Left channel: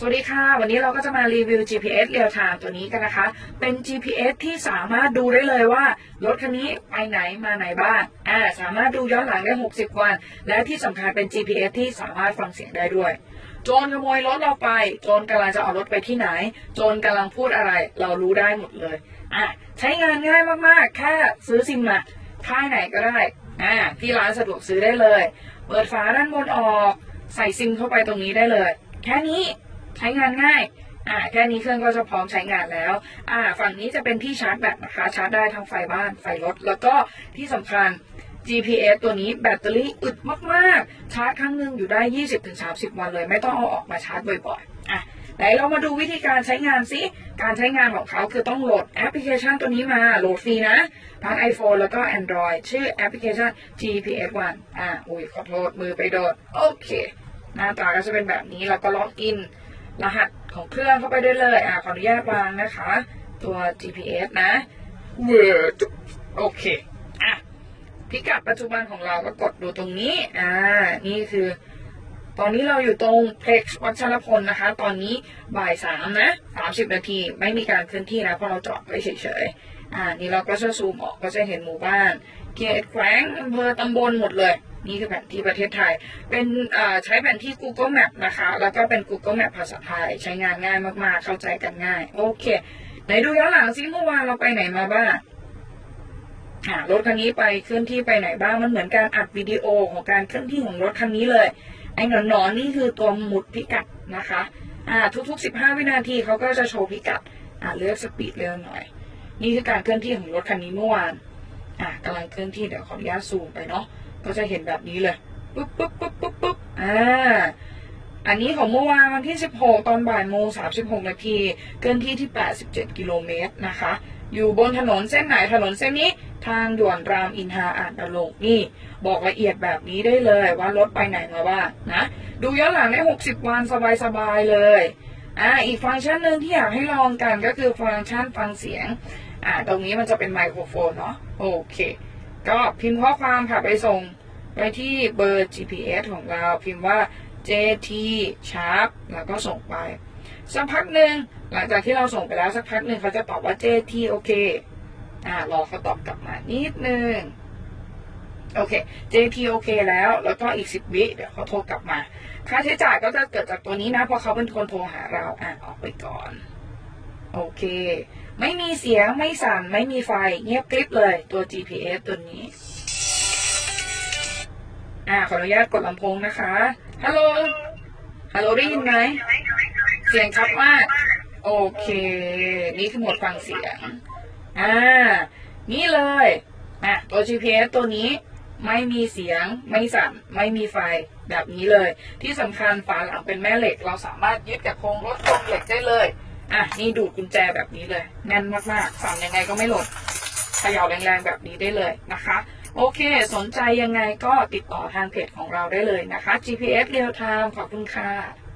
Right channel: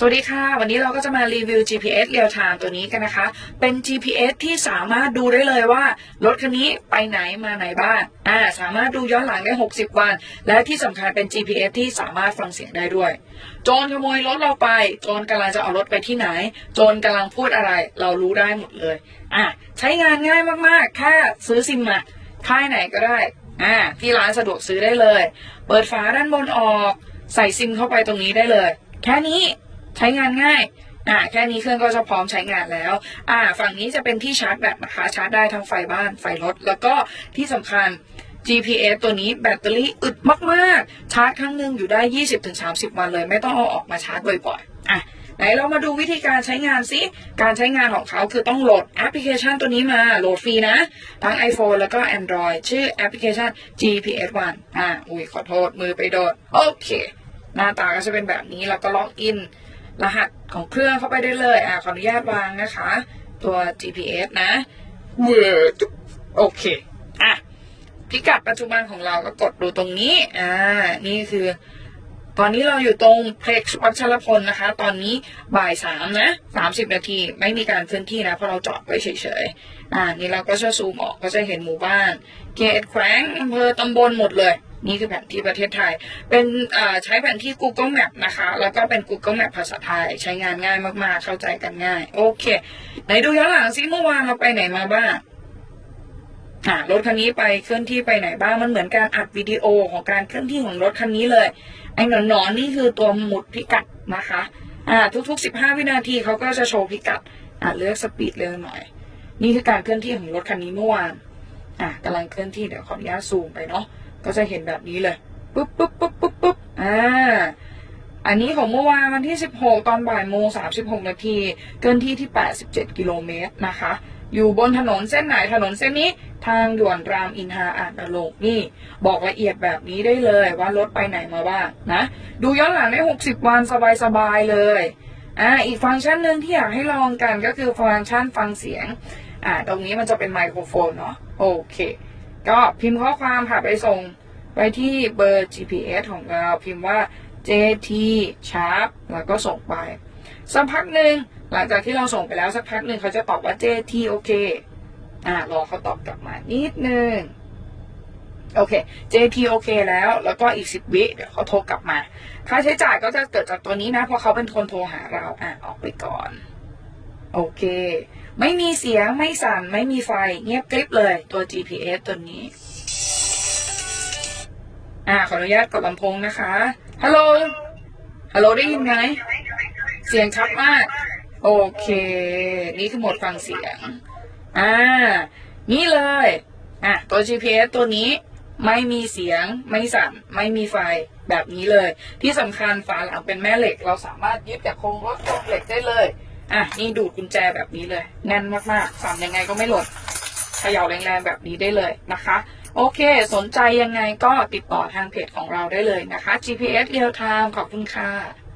สวัสดีค่ะ วันนี้เราก็จะมารีวิว GPS Real Time ตัวนี้กันนะคะ เป็น GPS ที่สามารถดูได้เลยว่า รถคันนี้ไปไหนมาไหนบ้างอ่าสามารถดูย้อนหลังได้ 60 วัน และที่สำคัญเป็น GPS ที่สามารถฟังเสียงได้ด้วย โจรขโมยรถเราไป โจรกำลังจะเอารถไปที่ไหน โจรกำลังพูดอะไร เรารู้ได้หมดเลยอะใช้งานง่ายมากๆ แค่ซื้อซิมมาค่ายไหนก็ได้อ่าที่ร้านสะดวกซื้อได้เลย เปิดฝาด้านบนออก ใส่ซิมเข้าไปตรงนี้ได้เลย แค่นี้ ใช้งานง่ายอ่าแค่นี้เครื่องก็จะพร้อมใช้งานแล้ว อ่า ฝั่งนี้จะเป็นที่ชาร์จแบตนะคะชาร์จได้ทั้งไฟบ้านไฟรถ แล้วก็ที่สำคัญ GPS ตัวนี้แบตเตอรี่อึดมากๆ ชาร์จครั้งหนึ่งอยู่ได้ 20-30 วันเลย ไม่ต้องเอาออกมาชาร์จบ่อยๆอะไหนเรามาดูวิธีการใช้งานสิการใช้งานของเขาคือต้องโหลดแอปพลิเคชันตัวนี้มา โหลดฟรีนะ ทั้ง iPhone แล้วก็ Android ชื่อแอปพลิเคชัน GPS One อ่า อุ้ยขอโทษมือไปโดด โอเค หน้าตาก็จะเป็นแบบนี้แล้วก็ล็อกอิน รหัสของเครื่องเข้าไปได้เลยอ่าขออนุญาตวางนะคะ ตัว GPS นะเวอร์โอเคอะพิกัดปัจจุบันของเราก็กดดูตรงนี้ อ่า นี่คือ ตอนนี้เราอยู่ตรงเพล็กซ์วัชรพลนะคะ ตอนนี้บ่ายสามนะสามสิบนาทีไม่มีการเคลื่อนที่นะ เพราะเราจอดไว้เฉยๆ อ่า นี่เราก็จะซูมออกก็จะเห็นหมู่บ้าน เขตแขวงอำเภอตำบลหมดเลย นี่คือแผนที่ประเทศไทย เป็นเอ่อใช้แผนที่ Google Map นะคะ แล้วก็เป็น Google Map ภาษาไทย ใช้งานง่ายมากๆ เข้าใจกันง่าย โอเค ไหนดูย้อนหลังซิเมื่อวานเราไปไหนมาบ้าง อ่ารถคันนี้ไปเคลื่อนที่ไปไหนบ้างมันเหมือนการอัดวิดีโอของการเคลื่อนที่ของรถคันนี้เลย ไอ้หนอนๆนนี่คือตัวหมุดพิกัดนะคะ อ่า ทุก ๆ 15 วินาทีเขาก็จะโชว์พิกัด อ่าเลือกสปีดเร็วหน่อย นี่คือการเคลื่อนที่ของรถคันนี้เมื่อวาน อ่ากำลังเคลื่อนที่เดี๋ยวขออนุญาตซูมไปเนาะก็จะเห็นแบบนี้เลยปุ๊บปุ๊บปุ๊บปุ๊บปุ๊บอ่า อันนี้ของเมื่อวานวันที่ 16 ตอนบ่ายโมง 36 นาที เกินที่ที่ 87 กิโลเมตรนะคะ อยู่บนถนนเส้นไหนถนนเส้นนี้ ทางด่วนรามอินทราอ่านตะลงนี่ บอกละเอียดแบบนี้ได้เลยว่ารถไปไหนมาบ้างนะ ดูย้อนหลังได้ 60 วันสบายๆเลยอ่าอีกฟังก์ชันหนึ่งที่อยากให้ลองกันก็คือฟังก์ชันฟังเสียงอ่าตรงนี้มันจะเป็นไมโครโฟนเนาะโอเค ก็พิมพ์ข้อความค่ะไปส่งไปที่เบอร์ GPS ของเราพิมพ์ว่า JT Sharp แล้วก็ส่งไป สักพักหนึ่งหลังจากที่เราส่งไปแล้วสักพักหนึ่งเขาจะตอบว่า JT โอเคอ่ารอเขาตอบกลับมานิดนึงโอเค JT โอเคแล้ว แล้วก็อีกสิบวิ เดี๋ยวเขาโทรกลับมา ค่าใช้จ่ายก็จะเกิดจากตัวนี้นะ เพราะเขาเป็นคนโทรหาเรา อะ ออกไปก่อน โอเค ไม่มีเสียง ไม่สั่น ไม่มีไฟ เงียบกริบเลย ตัว GPS ตัวนี้ อ่าขออนุญาตกดลำโพงนะคะ ฮัลโหล ฮัลโหลได้ยินไหม เสียงชัดมาก โอเค นี่คือโหมดฟังเสียง อ่า นี่เลย อะ ตัว GPS ตัวนี้ไม่มีเสียง ไม่สั่น ไม่มีไฟ แบบนี้เลย ที่สำคัญฝาหลังเป็นแม่เหล็ก เราสามารถยึดกับโครงรถโครงเหล็กได้เลย อะ นี่ดูดกุญแจแบบนี้เลย แน่นมากๆสั่นยังไงก็ไม่หล่นเขย่าแรงๆแบบนี้ได้เลยนะคะ โอเค สนใจยังไงก็ติดต่อทางเพจของเราได้เลยนะคะ GPS Real Time ขอบคุณค่ะ